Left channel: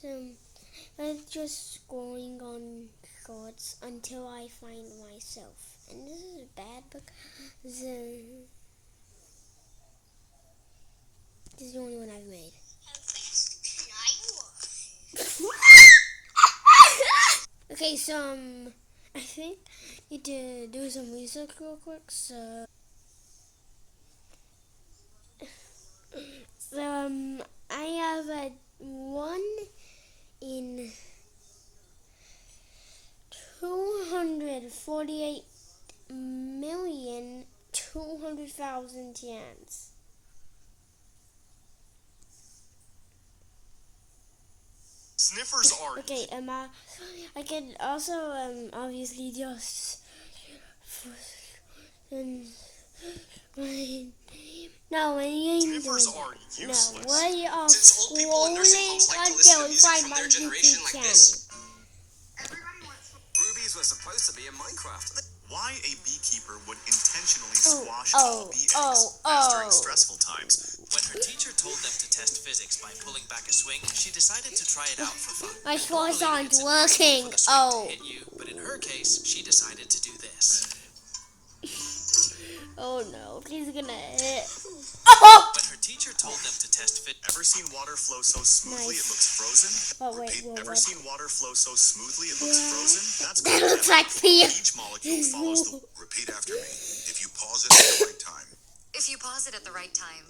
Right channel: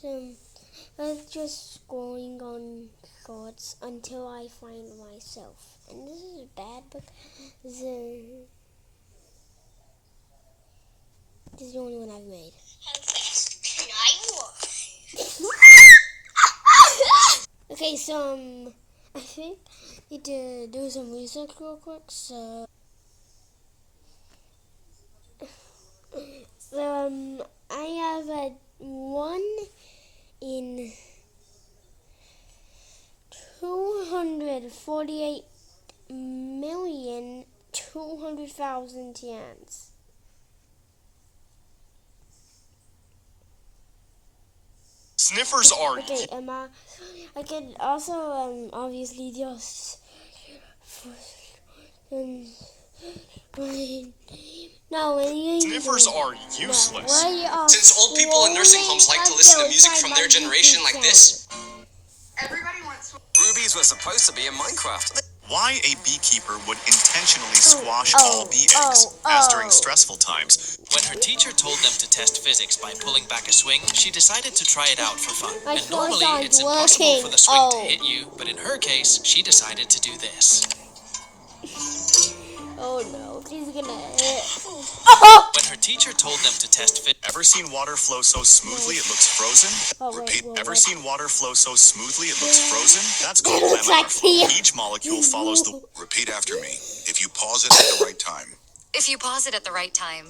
So I'm just scrolling on shorts until I find myself. And this is bad because this is the only one I've made. Okay, so I think I need to do some research real quick. So I have a 1 in 248,200,000 chance. Sniffers are. Okay, I can also obviously just no, Sniffers are useless. No, Since old people in nursing homes like to listen to music from their generation like this. Everybody wants Rubies were supposed to be in Minecraft. Why a beekeeper would intentionally squash all bee eggs, as during stressful times. When her teacher told them to test physics by pulling back a swing, she decided to try it out for fun. My And normally, force it's aren't impossible working. for the swing to hit you, but in her case, she decided to do this. Oh no, he's gonna hit. When her teacher told them to test physics, Ever seen water flow so smoothly it looks frozen? Oh, wait, Repeat. whoa, Ever what? seen water flow so smoothly it looks frozen? That's That called looks like pee. Each molecule follows the. Repeat after me. If you pause it at the right time, If you pause it at the right time,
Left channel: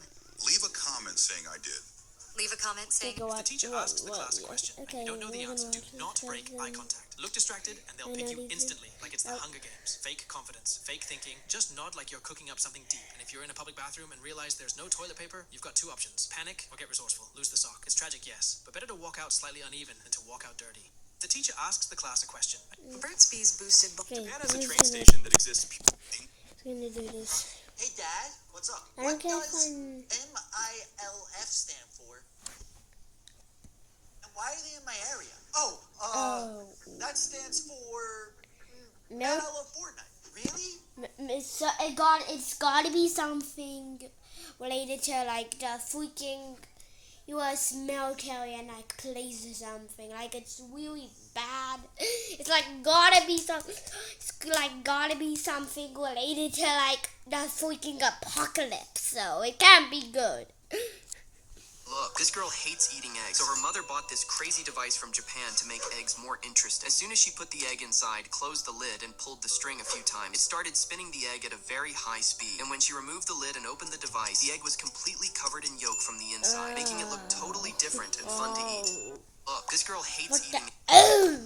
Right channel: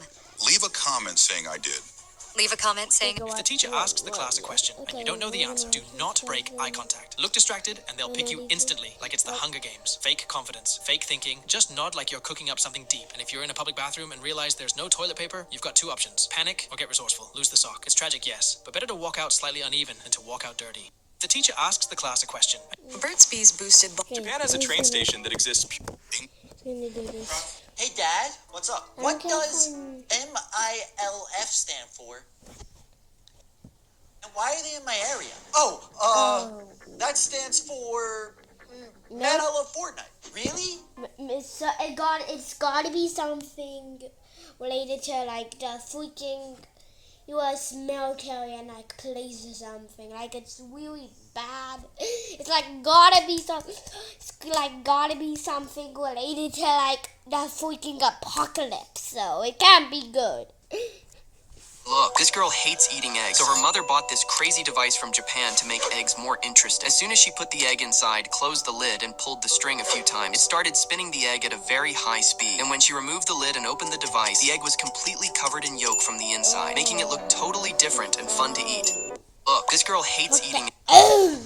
leave a comment saying I did. leave a comment saying, Go if the up. teacher Whoa, asks the whoa, class a whoa. question and Okay, you don't know the we're answer, do gonna not break eye contact. Look distracted and they'll pick you instantly, like it's the Hunger Games. Fake confidence, fake thinking. Just nod like you're cooking up something deep. And if you're in a public bathroom and realize there's no toilet paper, you've got 2 options. Panic or get resourceful. Lose the sock. It's tragic, yes, but better to walk out slightly uneven than to walk out dirty. The teacher asks the class a question. Burt's Bees boosted. Okay, Japan has a who's train gonna- station that exists. who's gonna do this? Hey, Dad, what's up? I What can't does find- MILF stand for? And why are they in my area? Oh, that stands for Man, No, I Love Fortnite. Really? it's gotta be something related to like the freaking U.S. military and like police or something. Like it's really bad. It's like gotta be something related to like the freaking apocalypse. So it can't be good. Look, this girl hates eating eggs, so her mother bought this crazy device from Japan to make eggs more interesting. As soon as she put the egg inside, closed the lid, and pulled the string a few times, it started spinning the egg at a very high speed. And when she removed the lid and opened the device, the egg was completely covered in yolk from the inside, making it look totally different and fun to eat. Look, this girl hates eating. Oh,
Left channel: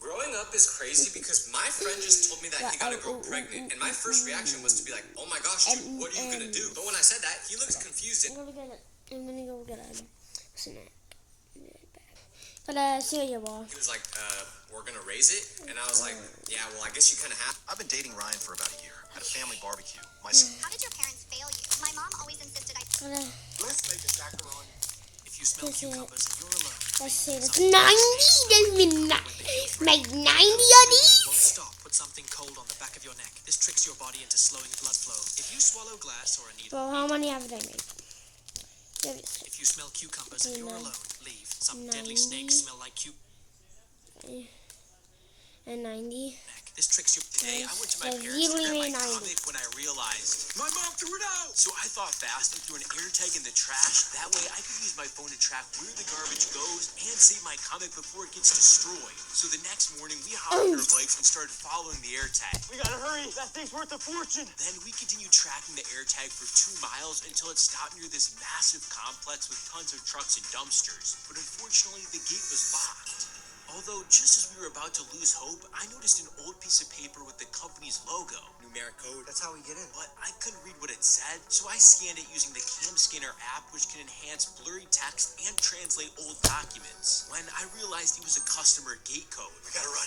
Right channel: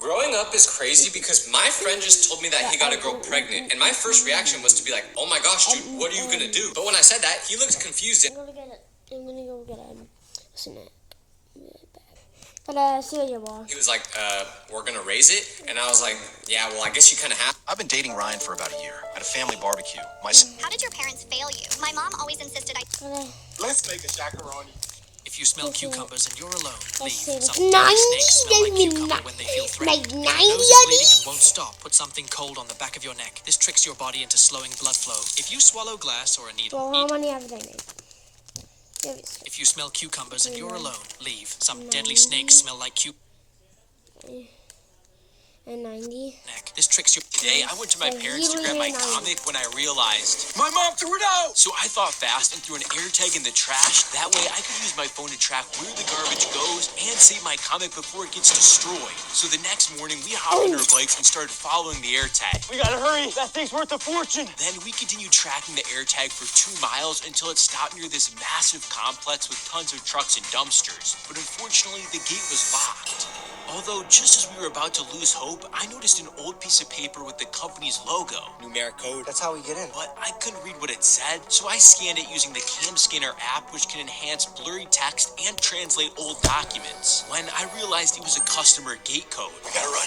Growing up is crazy because my friend just told me that he got a girl pregnant, and my first reaction was to be like, oh my gosh, dude, what are you gonna do? But when I said that, he looked confused. I'm gonna go get a snack. But cereal bar. He was like, we're gonna raise it? And I was like, yeah, well, I guess you kind of have. I've been dating Ryan for about a year at a family barbecue. How did your parents fail you? My mom always insisted I... Let's make a chacaroni. If you smell cucumbers and you're alone, leave. Let's see, it's Some 90. snakes smell like cucumber when they feel Like threatened. 90 When your nose is of bleeding these? and won't stop, put something cold on the back of your neck. This tricks your body into slowing blood flow. If you swallow glass or a needle, Well, how eat. many have I made? If you smell cucumbers and you're alone, leave. Some deadly snakes smell like And 90. neck. This tricks your... Today, I went to my So parents to you grab my really comic when I realized my mom threw it out. So I thought fast and threw an air tag in the trash. That way I could use my phone to track where the garbage goes and save my comic before it gets destroyed. So the next morning, we hopped on our bikes and started following the air tag. We gotta hurry. That thing's worth a fortune. Then we continued tracking the air tag for 2 miles until it stopped near this massive complex with tons of trucks and dumpsters. But unfortunately, the gate was locked. Although, just as we were about to lose hope, I noticed an old piece of paper with the company's logo. Numeric code. That's how we get in. But I couldn't read what it said, so I scanned it using the Cam Scanner app, which can enhance blurry text and translate old documents. When I realized it was a customer gate code. We gotta run.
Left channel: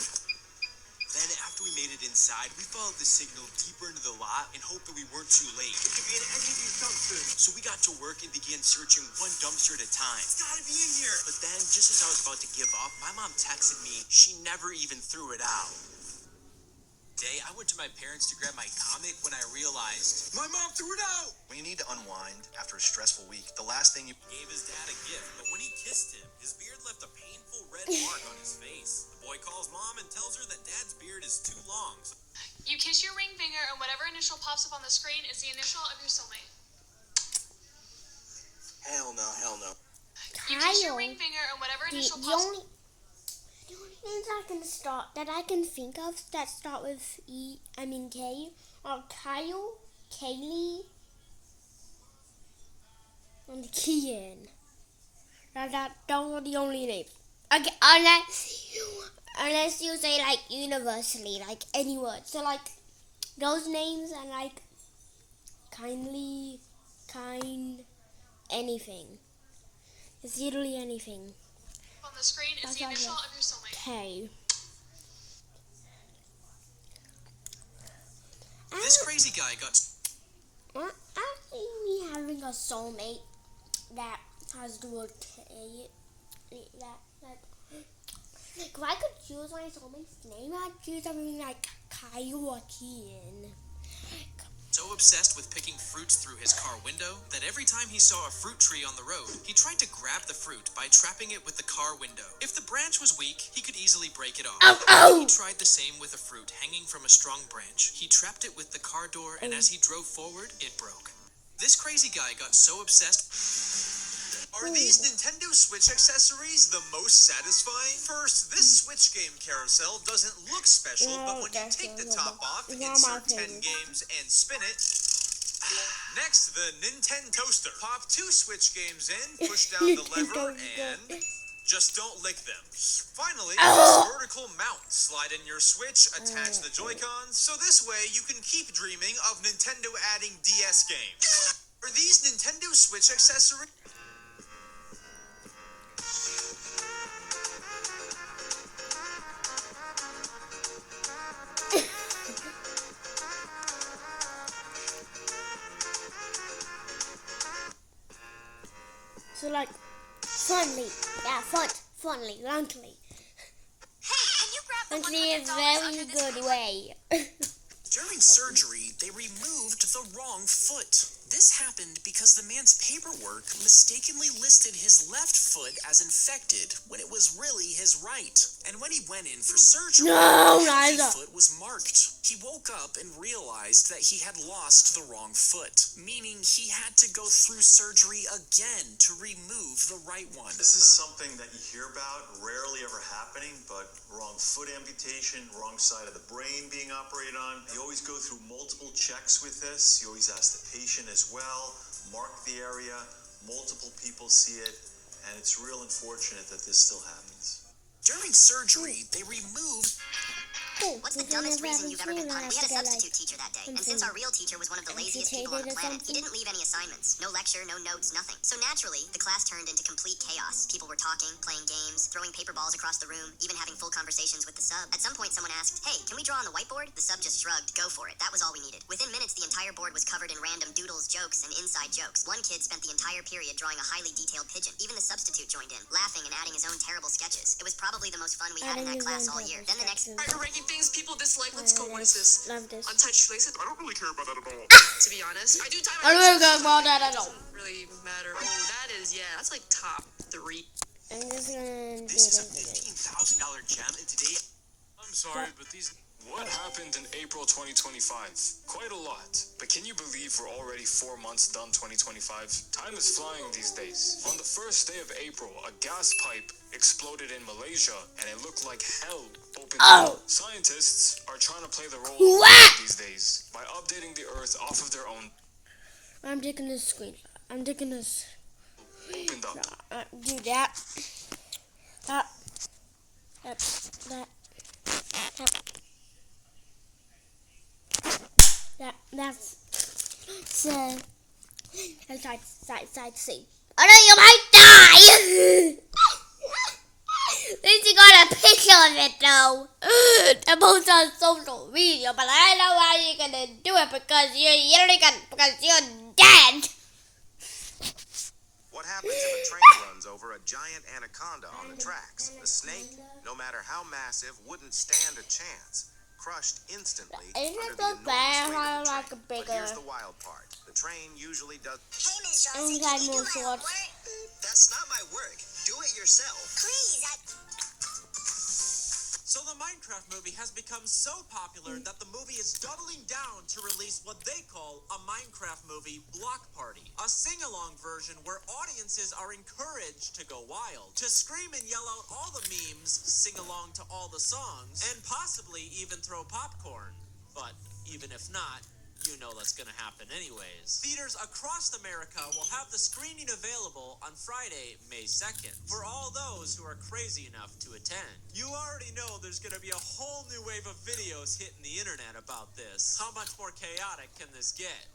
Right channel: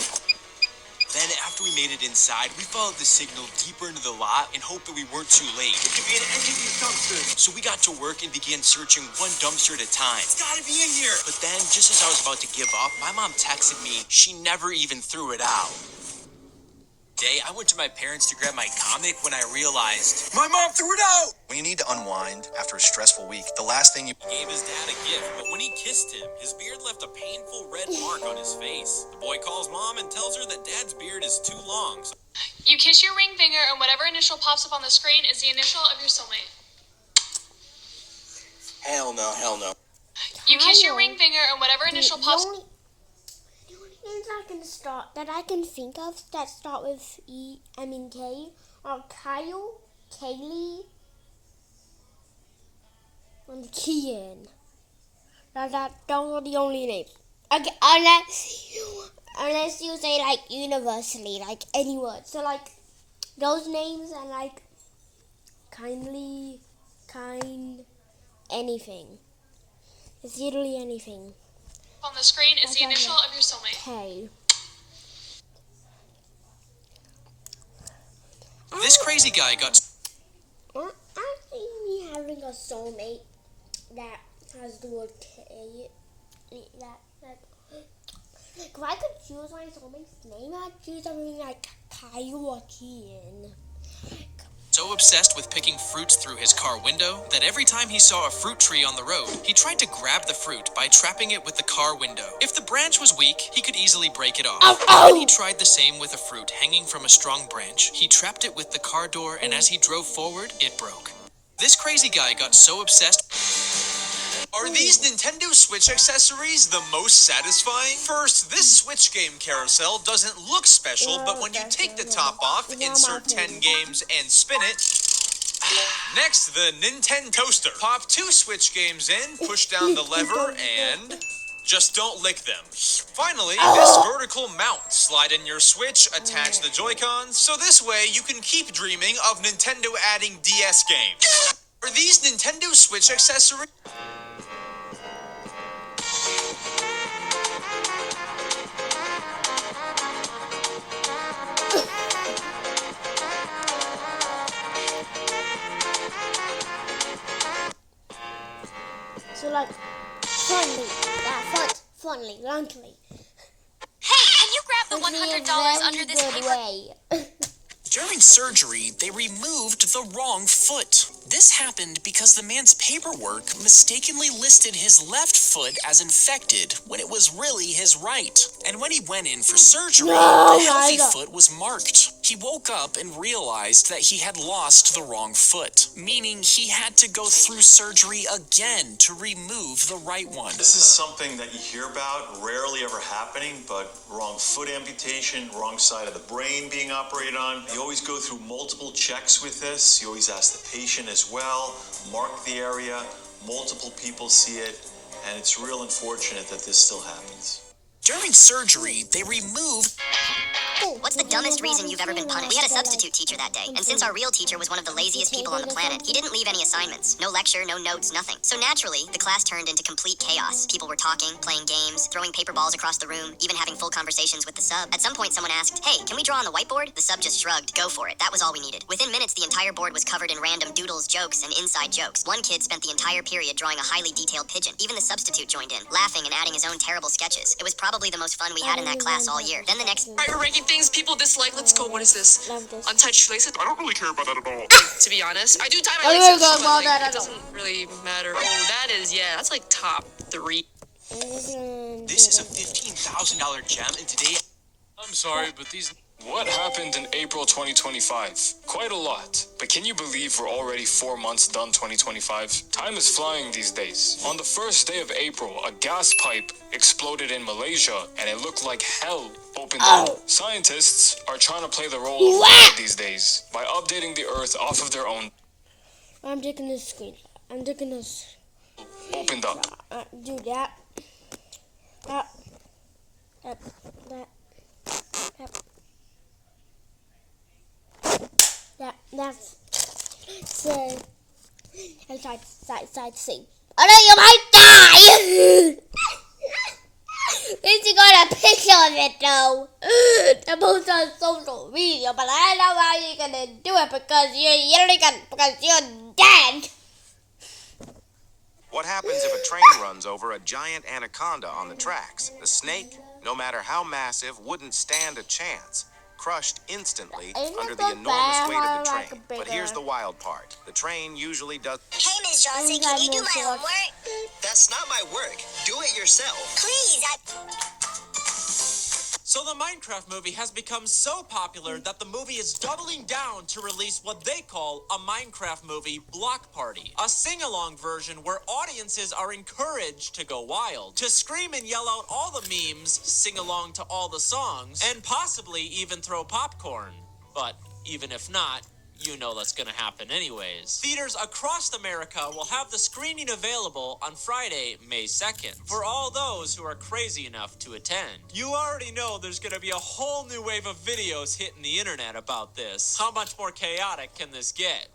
Then, after we made it inside, we followed the signal deeper into the lot and hoped that we weren't too late. It could be in any of these dumpsters. So we got to work and began searching one dumpster at a time. It's gotta be in here. But then, just as I was about to give up, my mom texted me she never even threw it out. Day, I went to my parents to grab my comic when I realized My mom threw it out! When you need to unwind after a stressful week, the last thing you he gave his dad a gift, but when he kissed him, his beard left a painful red mark on his face. The boy calls mom and tells her that dad's beard is too long. So You kiss your ring finger, and whatever initial pops up on the screen is the initial of your soulmate. Hell no, hell no. You kiss your ring finger, and whatever initial pops. The only things I can think of that start with K are Kyle, Kaylee, and Kian. Those are the only names. Okay, unless you say like universally, like any word. So like those names and like kindly, kind, anything. It's literally anything. On the screen is the initial of your soulmate. K. This crazy guy got I see me having a soulmate that has the word K. If I could choose my soulmate's name, I'd choose something like Kyle or Kian. so obsessed with picking fruits through his car window that every time he saw a fruit tree on the road, he tried to grab the fruit by trapping it with the car window. If the branch was weak, he could easily break it off. When he tried the same with a fruit hanging from a strong branch, he trapped it with the car door, and as he drove forward, it broke. This crazy guy got so obsessed. Are these Nintendo Switch accessories the most satisfying? First, this Switch game carousel doesn't look special, but when you take the top off, insert 10 games, and spin it... Next, the Nintendo Toaster. Pop 2 Switch games in, push down the lever, and... just don't lick them. Finally, this vertical mount. Slide in your Switch, attach the Joy-Cons, so this way you can keep dreaming of Nintendo adding DS games. Are these Nintendo Switch accessories? So like, funny, bluntly. Hey, can you grab the In a $100 under very this good paper? way. During surgery, they removed the wrong foot. This happened because the man's paperwork mistakenly listed his left foot as infected when it was really his right. And when he went in for surgery, the healthy foot was marked. He woke up and realized that he had lost the wrong foot, meaning he had to go through surgery again to remove the right one. This is something that you hear about, rarely ever happening, but wrong foot amputation, wrong side of the brain being operated on. You always go through multiple checks with this. You always ask the patient as well, mark the area, multiple people see it, and it's real unfortunate that this still happens. During surgery, they removed... What's the dumbest reason you've ever been punished? We had a substitute teacher that day, and since our real teacher was one of the laziest people on the planet, he didn't leave any assignments. No lecture, no notes, nothing. So naturally, the class turned into complete chaos. People were talking, playing games, throwing paper balls across the room, even having full conversations with the sub. At some point, someone asked, "Hey, can we draw on the whiteboard?" The sub just shrugged. Go for it. That was all we needed. Within minutes, the entire board was covered in random doodles, jokes, and inside jokes. One kid spent the entire period drawing a highly detailed pigeon. Even the substitute joined in, laughing and adding his own terrible sketches. It was probably the most fun we had in that class all year. Then the next... Alright, we're ranking things people dislike. Let's go. What is this? Untouched laces? I don't really care about that at all. To be honest, I do tie my laces, but like, it doesn't really matter. Oh, that is, yeah, that's like top 3. This is a $15,000 gem, and today... I'm sorry, but these... What happened in April 2025? Quite a lot. But can you believe we're already 4 months done 2025? Time is flying these days. On the first day of April, a gas pipe exploded in Malaysia, and it looked like hell opened up. Scientists are trying to play the role of God these days by updating the Earth off of their own. I'm taking this screen. I'm taking this. Opened up. Do that. That. That's side C. Oh no, you might die! At least you got a picture of it though. To post on social media, but I don't know how you're gonna do it because you're dead. What happens if a train runs over a giant anaconda on the tracks? The snake, no matter how massive, wouldn't stand a chance. crushed instantly Isn't under it the the enormous bear weight of have the like train. a But here's bigger- the wild part. The train usually does... Hey, Miss Johnson, Inside can you do more my shorts. homework? That's not my work. Do it yourself. Please, So the Minecraft movie has become so popular that the movie is doubling down to release what they call a Minecraft movie block party. A sing-along version where audiences are encouraged to go wild, to scream and yell out all the memes, sing along to all the songs, and possibly even throw popcorn. But even if not, you know that's gonna happen anyways. Theaters across America will have the screening available on Friday, May 2nd, for all those who are crazy enough to attend. You already know there's gonna be a whole new wave of videos hitting the internet about this. How much more chaotic can this get?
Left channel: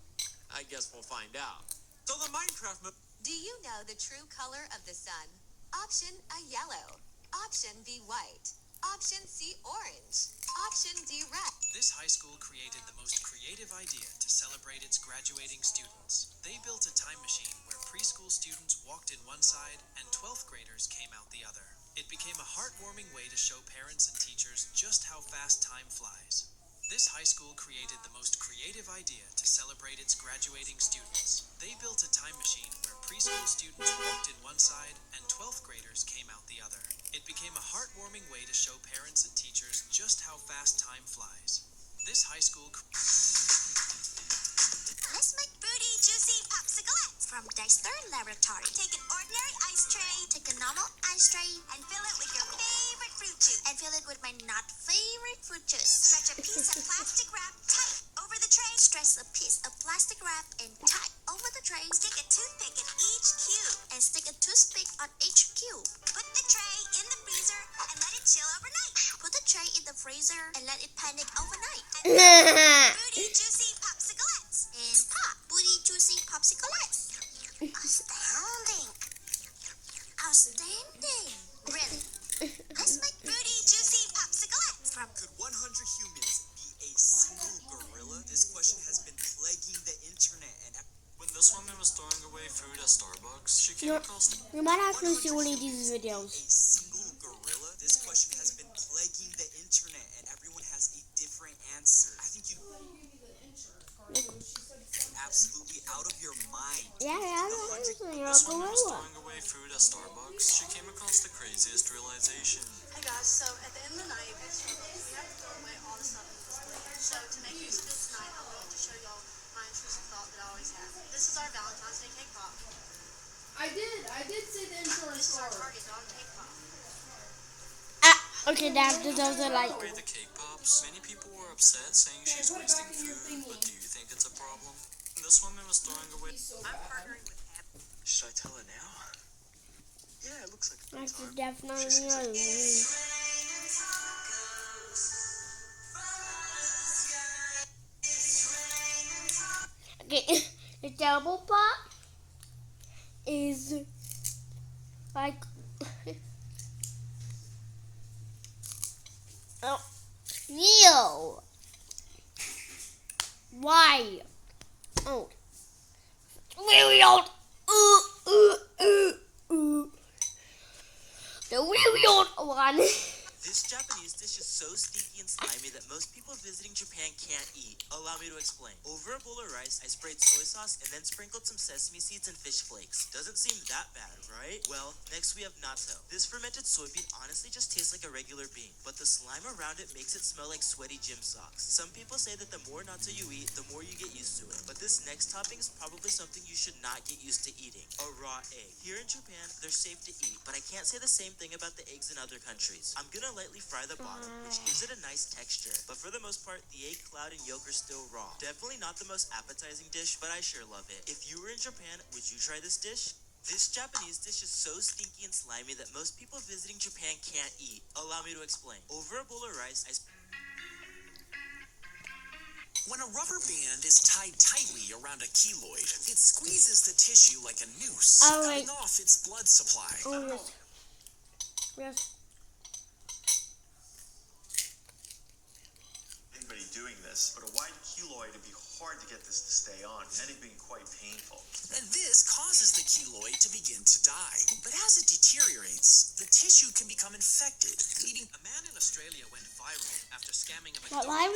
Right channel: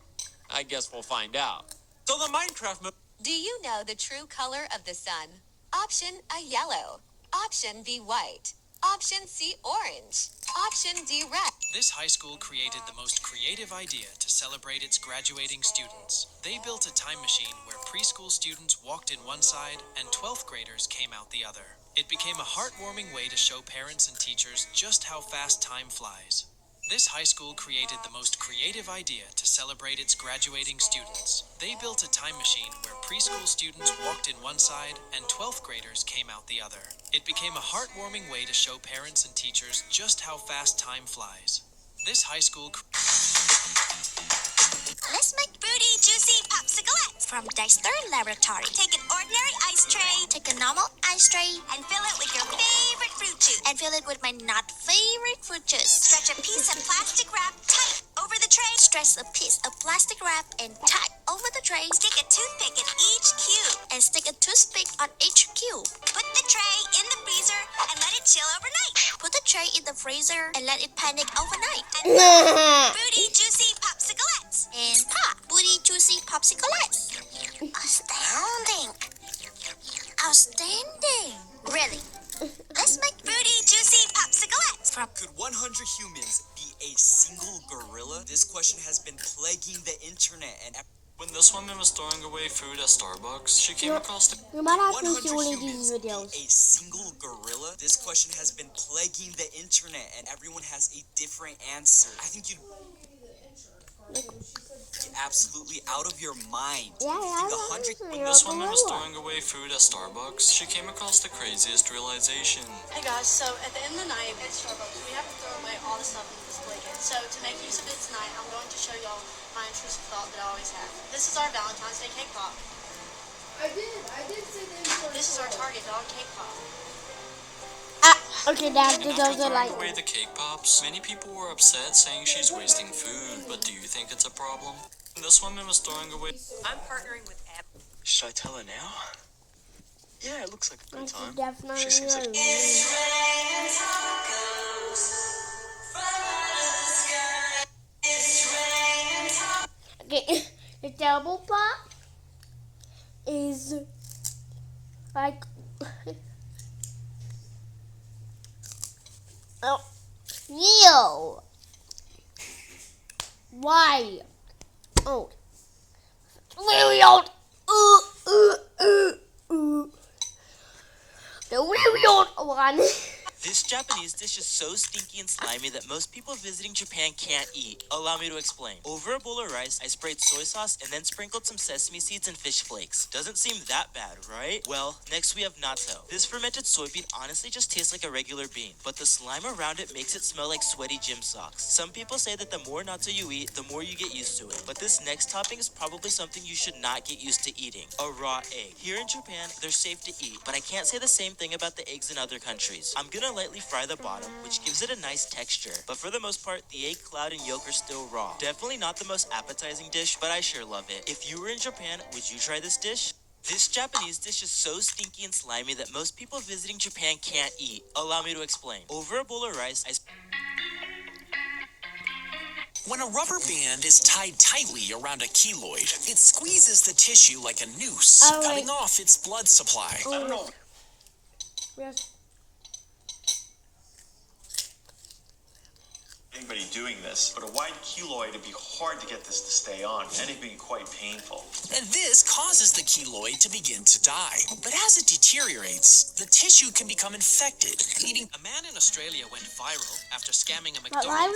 I guess we'll find out. So the Minecraft movie... Do you know the true color of the sun? Option A, yellow. Option B, white. Option C, orange. Option D, red. This high school created the most creative idea to celebrate its graduating students. They built a time machine where preschool students walked in one side and 12th graders came out the other. It became a heartwarming way to show parents and teachers just how fast time flies. This high school created the most creative idea to celebrate its graduating students. They built a time machine where preschool students walked in one side and 12th graders came out the other. It became a heartwarming way to show parents and teachers just how fast time flies. This high school... let's make fruity, juicy popsiclettes from Dexter Laboratory. Take an ordinary ice tray, take a normal ice tray, and fill it with your favorite fruit juice. And fill it with my not favorite fruit juice. Stretch a piece of plastic wrap tight over the tray. Stretch a piece of plastic wrap and tight over the tray. Stick a toothpick in each cube. And stick a toothpick on each cube. Put the tray in the freezer and let it chill overnight. Put the tray in the freezer and let it panic overnight. And fruity, juicy popsiclettes. And pop, booty, juicy popsiclettes. Astounding. Outstanding. Really. Let's make fruity, juicy popsiclettes from... Could 100 humans be a single gorilla? This question has been plaguing the internet and... When this woman was throwing away food at Starbucks, she came across the... You might have to see one of these videos. A single gorilla? This question has been plaguing the internet and everyone has a different answer. I think you'd... absolutely out of your mind. Yeah, When this woman was throwing away food at Starbucks, she came across the craziest realization. Hey guys, so at the end of the night at Starbucks, we have to throw away all the stuff in this blanket. So to make use of this tonight, I'm going to show y'all my intrusive thought that I always have. This is our Valentine's Day cake pop. I did say the intrusive. This is our Target dog cake pop. Okay, Dad, those are like... Away the cake pops. Many people were upset, saying she's wasting food, but do you think it's a problem? This woman was throwing away... I'm partnering with Ab. Should I tell her now? Yeah, it looks like a good time. Definitely She seems like... Okay, the double pop is like... oh, Neo. Why? Oh, really old. The really old one. This Japanese dish is so stinky and slimy that most people visiting Japan can't eat. Allow me to explain. Over a bowl of rice, I sprayed soy sauce and then sprinkled some sesame seeds and fish flakes. Doesn't seem that bad, right? Well, next we have natto. This fermented soybean honestly just tastes like a regular bean, but the slime around it makes it smell like sweaty gym socks. Some people say that the more natto you eat, the more you get used to it. But this next topping is probably something you should not get used to eating. A raw egg. Here in Japan, they're safe to eat, but I can't say the same thing about the eggs in other countries. I'm gonna lightly fry the bottom, which gives it a nice texture. But for the most part, the egg cloud and yolk are still raw. Definitely not the most appetizing dish, but I sure love it. If you were in Japan, would you try this dish? This Japanese dish is so stinky and slimy that most people visiting Japan can't eat. Allow me to explain. Over a bowl of rice, When a rubber band is tied tightly around a keloid, it squeezes the tissue like a noose, cutting off its blood supply. Yes. Anybody doing this this, but a wide keloid, it'd be hard to get this to stay on, and it'd be quite painful. And this causes the keloid to begin to die. But as it deteriorates, the tissue can become infected, leading... A man in Australia went viral after scamming a But why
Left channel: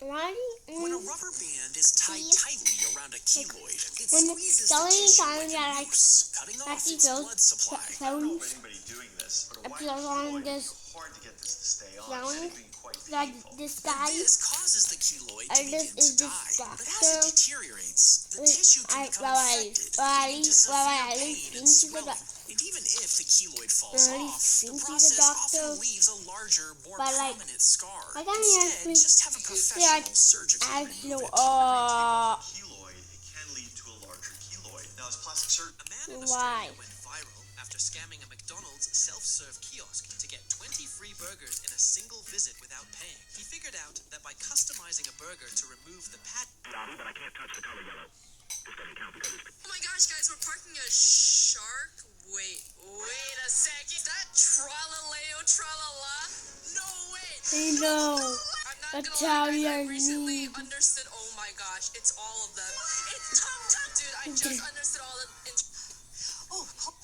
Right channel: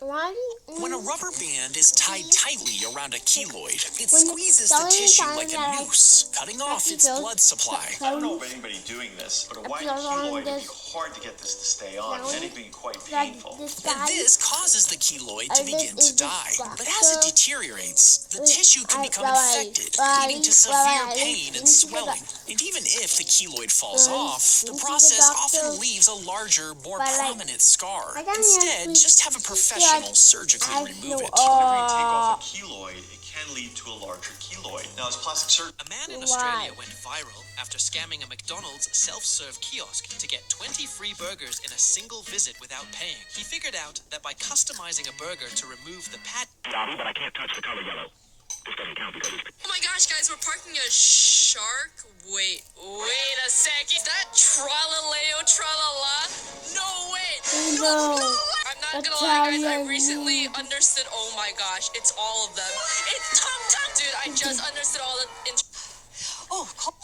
McDonald's. When a rubber band is tied tightly around a keloid, it When squeezes the going tissue down like a there, noose, cutting off its blood supply. I don't know of anybody doing this, but a wide keloid, it'd be hard to get this to stay on, and it'd be quite painful. And this causes the keloid to begin to die. But as it deteriorates, the tissue can become infected, leading to severe pain and swelling. And even if the keloid falls off, the process often leaves a larger, more prominent scar. Instead, just have a professional surgically remove it. Whenever you take off a keloid, it can lead to a larger keloid. Now, as plastic surgeon... A man in Australia went viral after scamming a McDonald's self-serve kiosk to get 20 free burgers in a single visit without paying. He figured out that by customizing a burger to remove the patty... But I can't touch the color yellow. This doesn't count because it's... Oh my gosh, guys, we're parking a shark. Wait a second. Is that Tralaleo Tralala? No, wait. No. I'm not gonna lie, guys, I recently understood. Oh my gosh, it's all of them. It's Tum Tum. Dude, I just understood all the...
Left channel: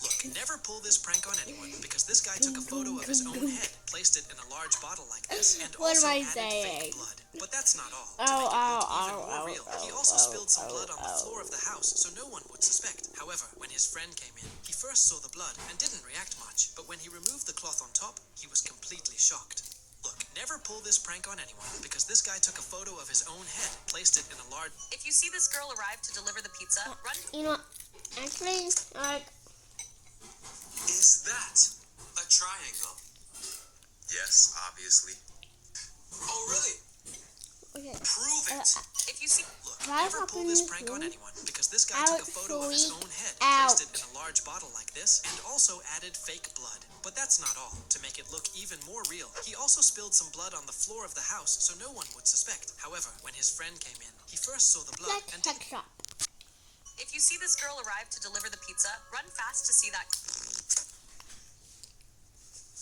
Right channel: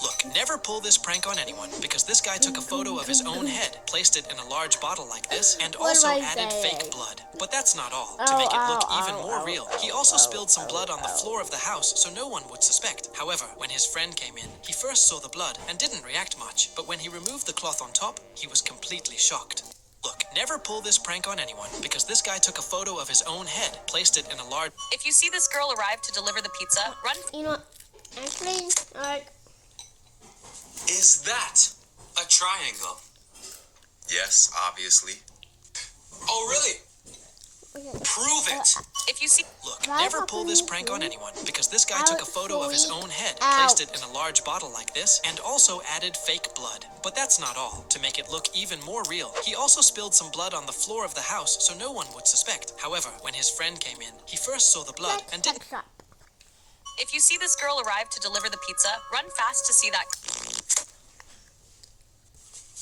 Look, never pull this prank on anyone, because this guy took a photo of his own head, placed it in a large bottle like this, and also added fake blood. But that's not all. To make it look even more real, he also spilled some blood on the floor of the house so no one would suspect. However, when his friend came in, he first saw the blood and didn't react much, but when he removed the cloth on top, he was completely shocked. Look, never pull this prank on anyone, because this guy took a photo of his own head, placed it in a large... If you see this girl arrive to deliver the pizza, run... You know, actually, Is that a triangle? Yes, obviously. Oh, really? Prove it. If you see... Look, never pull this prank on anyone, because this guy took a photo of his own head, placed it in a large bottle like this, and also added fake blood. But that's not all. To make it look even more real, he also spilled some blood on the floor of the house so no one would suspect. However, when his friend came in, he first saw the blood and didn't... If you see this girl arrive to deliver the pizza, run fast to see that...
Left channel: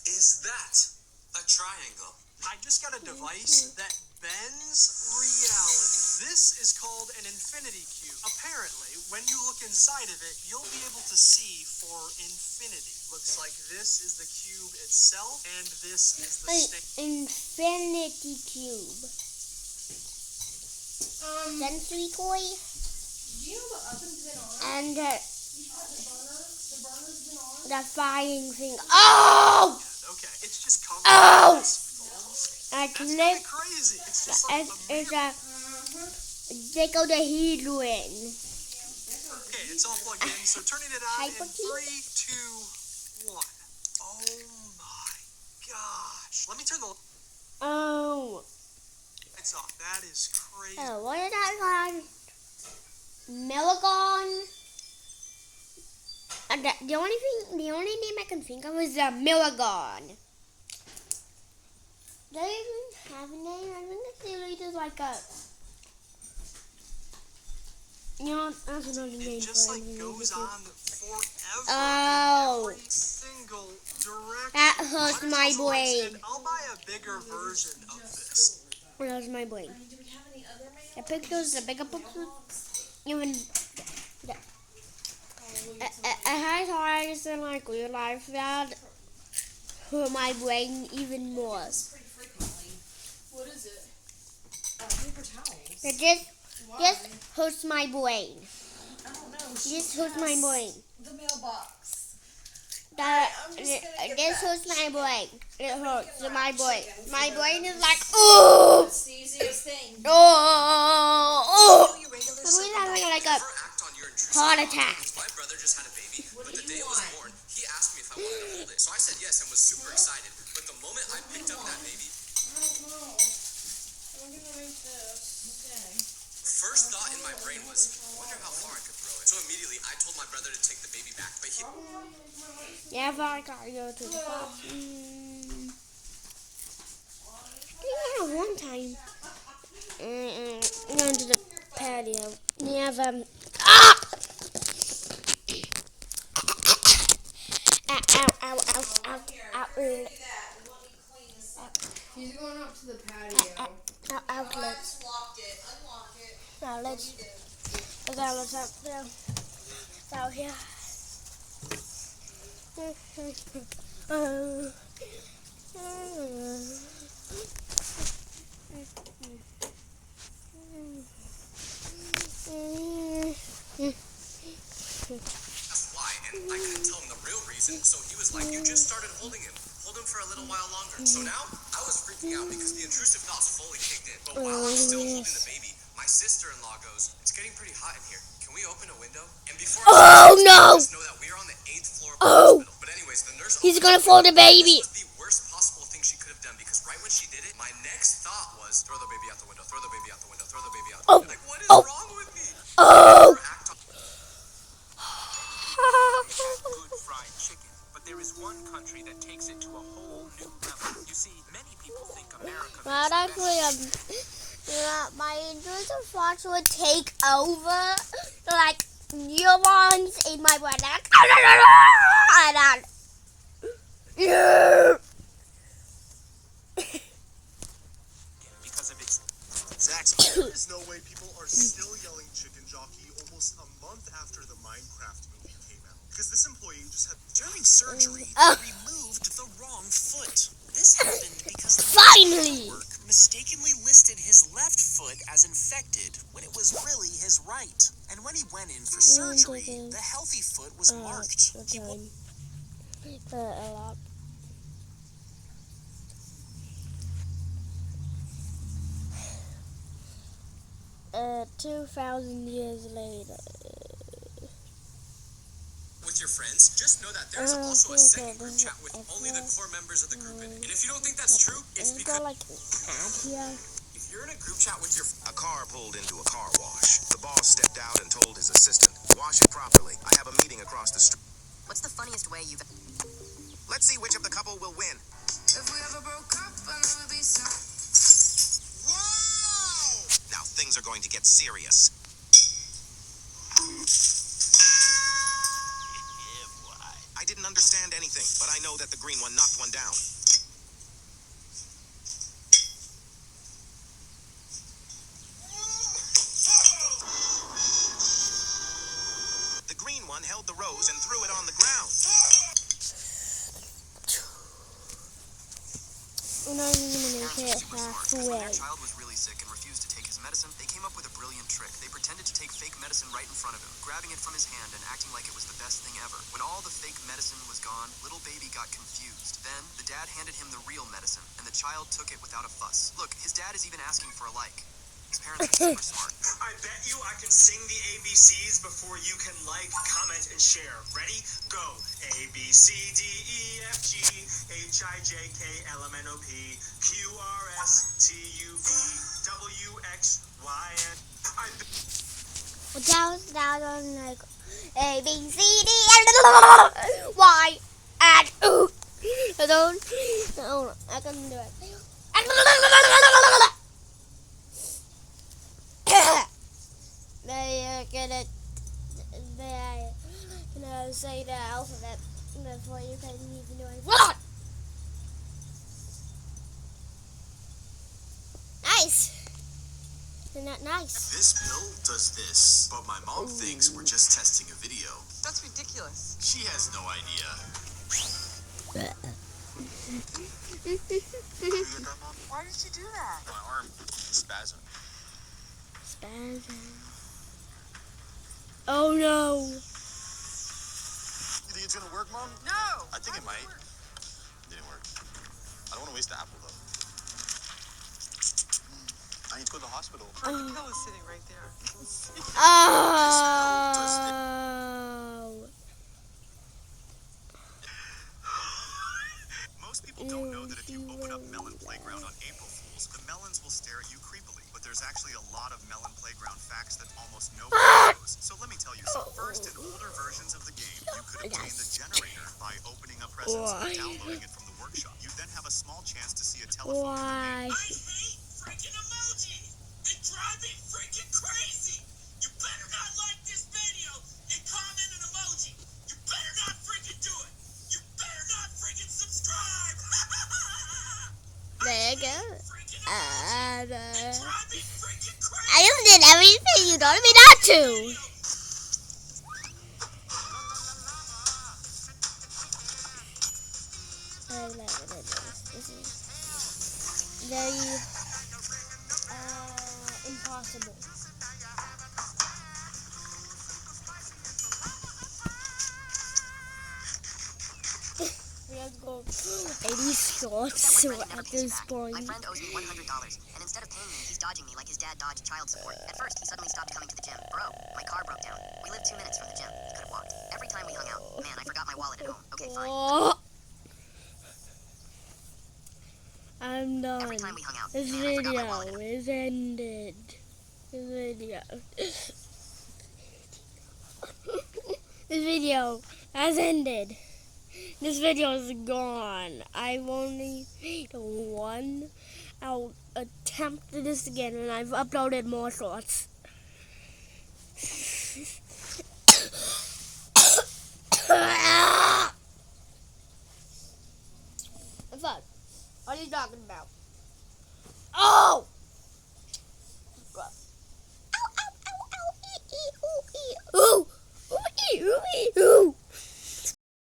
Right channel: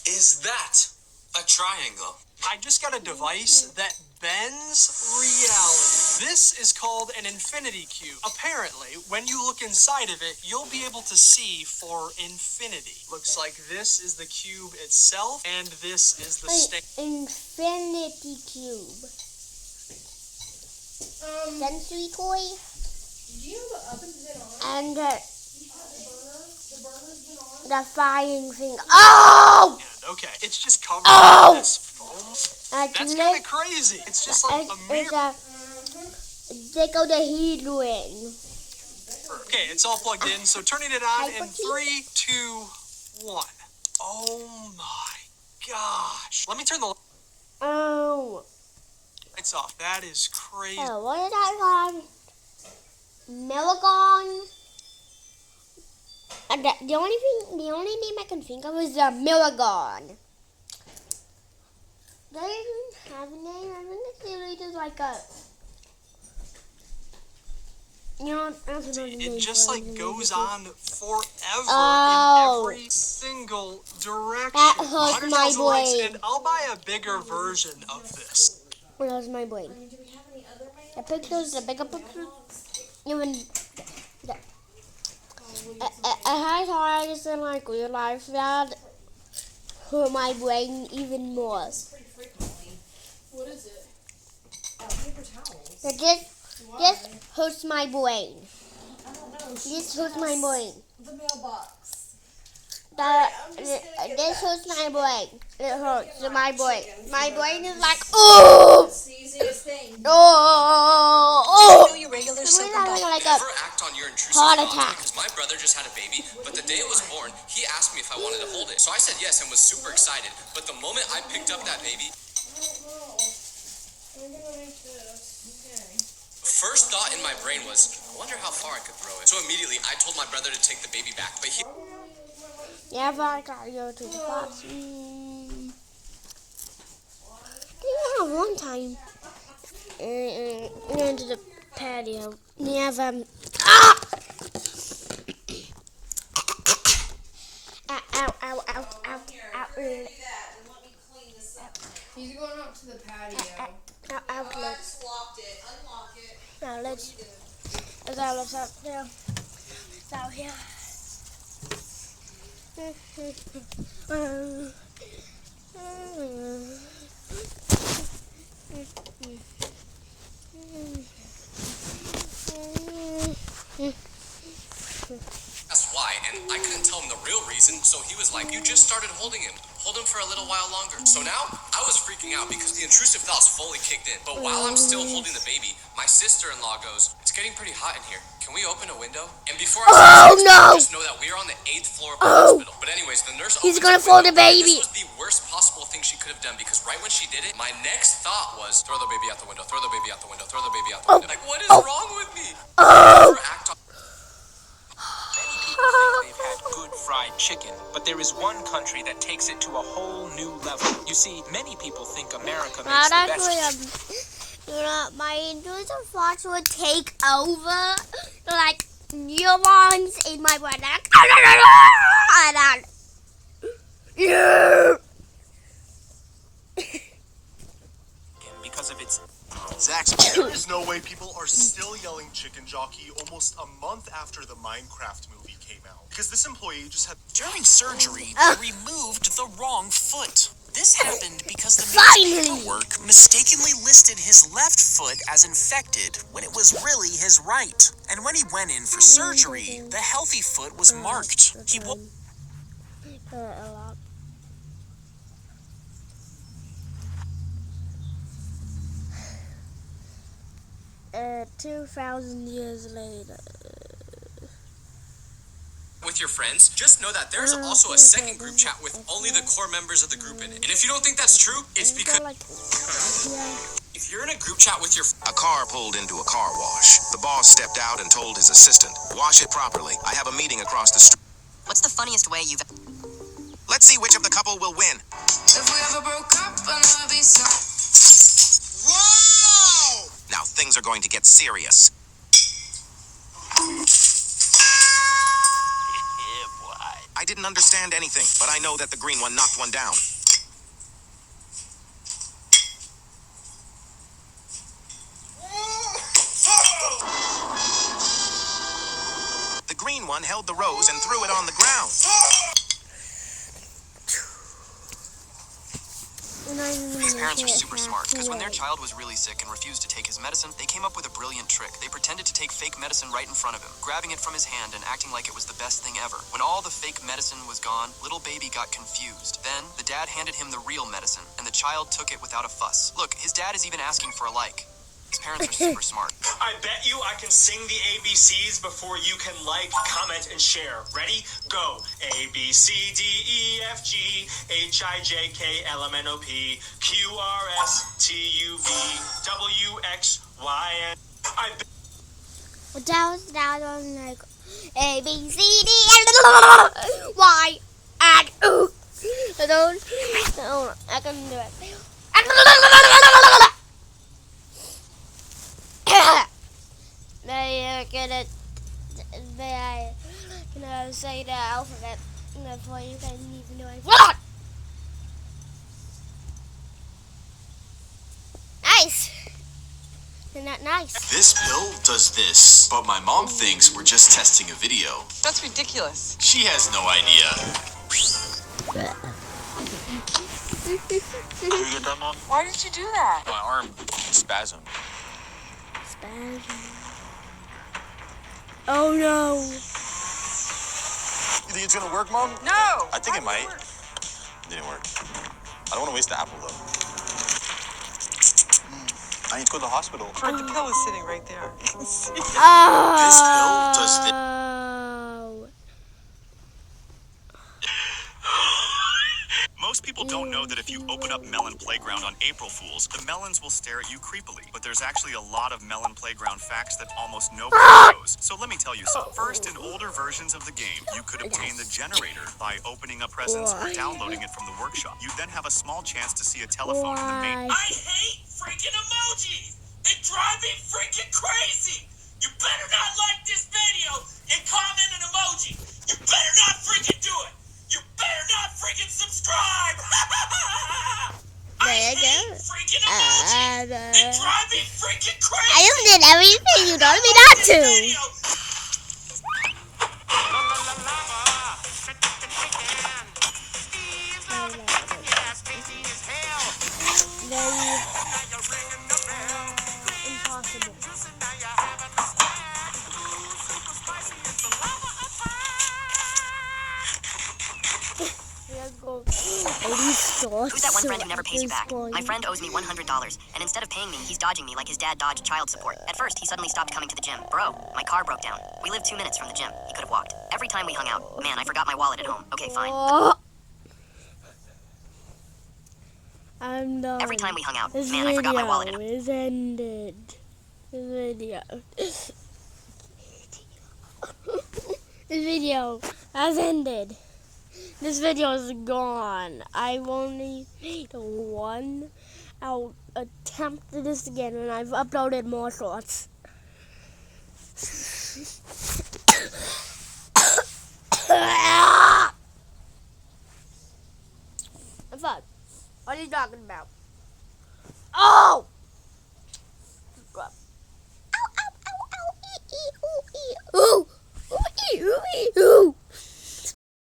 Is that a triangle? I just got a device that bends reality. This is called an infinity cube. Apparently, when you look inside of it, you'll be able to see for infinity. Looks like this is the cube itself, and this is the infinity cube. Sensory toy. Do you know the oven's been on? And The burner's been on? the frying thing. Oh! Okay, it's just covered Oh! in this foam. That's kind of crazy. It's just like a mirror. They go to healing. Okay, it's all plugged in, so turning it on in 3, 2, 1. Oh my gosh. Let me turn the lights off. That is crazy. Oh, what is that called? Melagon. The only name I can think of is Melagon. They didn't have a name. I think it's literally just like a. You know, that's another name. It just like goes on forever Oh. in every single direction. That hurts my 100,000 likes, brain. and I'll buy a bigger version of this. Where's my brain? The pictures, the bigger pictures, even. I had hard to like realize that hurt my brain even more. What is it? Paper towels. It just hurts my brain. I don't know. This hurts my brain. The mailbox. This hurts my brain. It hurts my brain. My brain is like, oh! It's the easiest thing. Oh! Do you know your regular I'm having like a Never act on your intrusive heart thoughts, attack. because my brother just had a baby, but the day it was born, he asked me if I wanted to hold it. So I said yes and was super excited. But the moment I picked up that baby, first thought in my brain was, I wonder how far I could throw it. So immediately I told my brother to take the baby back, but he... Yeah, but I gotta go to the bathroom. Yeah, one time. Going to the patio. Yeah, ah! Ow. He's going up to the patio. outlets. Locked it. Unlock it. Now let's out there. It's out here. That's why, and I couldn't tell him the real reason, so he was like, you just started holding him. Hold him for a little while longer. So now, I was freaking out because the intrusive thoughts fully kicked in. But while I'm still holding the baby, my sister-in-law goes, it's getting pretty hot in here. Can we open a window? And before I say no! just know that we're on the 8th floor of the hospital. But anyways, the nurse He's gonna fold the baby. This was the worst possible thing she could have done because right when she did it, my next thought was, throw the baby out the window, throw the baby out the window, throw the baby out the window. Like, what is wrong with me? Good fried chicken, but there is one country that takes it to a whole new level. You see, many people think America makes the best. My intrusive thoughts would take over, like neurons in my brain. Because of its Zach, there is no way people are still yelling chicken jockey almost a month after the Minecraft movie came out. Because this employee just had... During surgery, they removed the wrong foot. This happened because the man's paperwork mistakenly listed his left foot as infected when it was really his right. And when he went in for surgery, the healthy foot was marked. He a lot. 2,000 years later. With your friends, just know that there's also a second group chat with only the core members of the group in it. And if you don't think that's true, it's because if you're in a group chat with your A car pulled into a car wash. The boss stepped out and told his assistant, wash it properly. I have a meeting across the street. What's the funniest way you've... Let's see which of the couple will win. If we ever broke up, I know it'd be so... Whoa! Now things are going to get serious. I didn't understand anything, but I know that the green one knocked one down. The green one held the rose and threw it on the ground. These parents are super smart, because when their child was really sick and refused to take his medicine, they came up with a brilliant trick. They pretended to take fake medicine right in front of him, grabbing it from his hand and acting like it was the best thing ever. When all the fake medicine was gone, little baby got confused. Then, the dad handed him the real medicine, and the child took it without a fuss. Look, his dad is even asking for a like. These parents are super smart. I bet you I can sing the ABCs before you can like, comment, and share. Ready? Go. A, B, C, D, E, F, G, H, I, J, K, L, M, N, O, P, Q, R, S, T, U, V, W, X, Y, and... That was like A, B, C, D, Y, and O. I can do it. May I say the alphabet before you can even do it. What? Nice. Isn't that nice? This pill does this, but my mom thinks we're just testing a video. That's ridiculous. She has no idea. Did you get that, Mom? Why did you do that? My arm spasmed. Oh no. You think it's gonna work, Mom? No! I think it might. It didn't work. I don't want to waste the apple, though. I need to go to the hospital. The pill is sitting right there. You can see it. This pill does this. Most people don't know that if you open up Melon Playground on April Fools, the melons will stare at you creepily. But there's actually a lot of Melon Playground facts that almost nobody knows. So let me tell you some. First, in older versions of the game, you could obtain the generator by opening up presents or downloading it from the workshop. You then have a small chance to see a telephone in the main. I hate freaking emojis! They drive me freaking crazy! You better not like this video and comment an emoji! You better not freaking do it! You better not freaking subscribe! There you go. Freaking I just did everything you told me not to. Very impossible. Let's go. Who's that one friend who never pays you back? My friend owes me $100, and instead of paying me, he's dodging me like his dad dodged child support. At first, he suddenly stopped coming to the gym. Bro, my car broke down. We live 2 minutes from the gym. He could have walked. Every time we hung out, man, I forgot my wallet at home. Okay, fine. I'm done. Every time we hung out, This man, I forgot my wallet at video home. is ended. This video has ended. This video is gone. I've only made one. I'll attempt this again, and I've uploaded more shorts. What's that? What are you talking about? Oh! Ooh! Ooh! Ooh! Ooh! Ooh!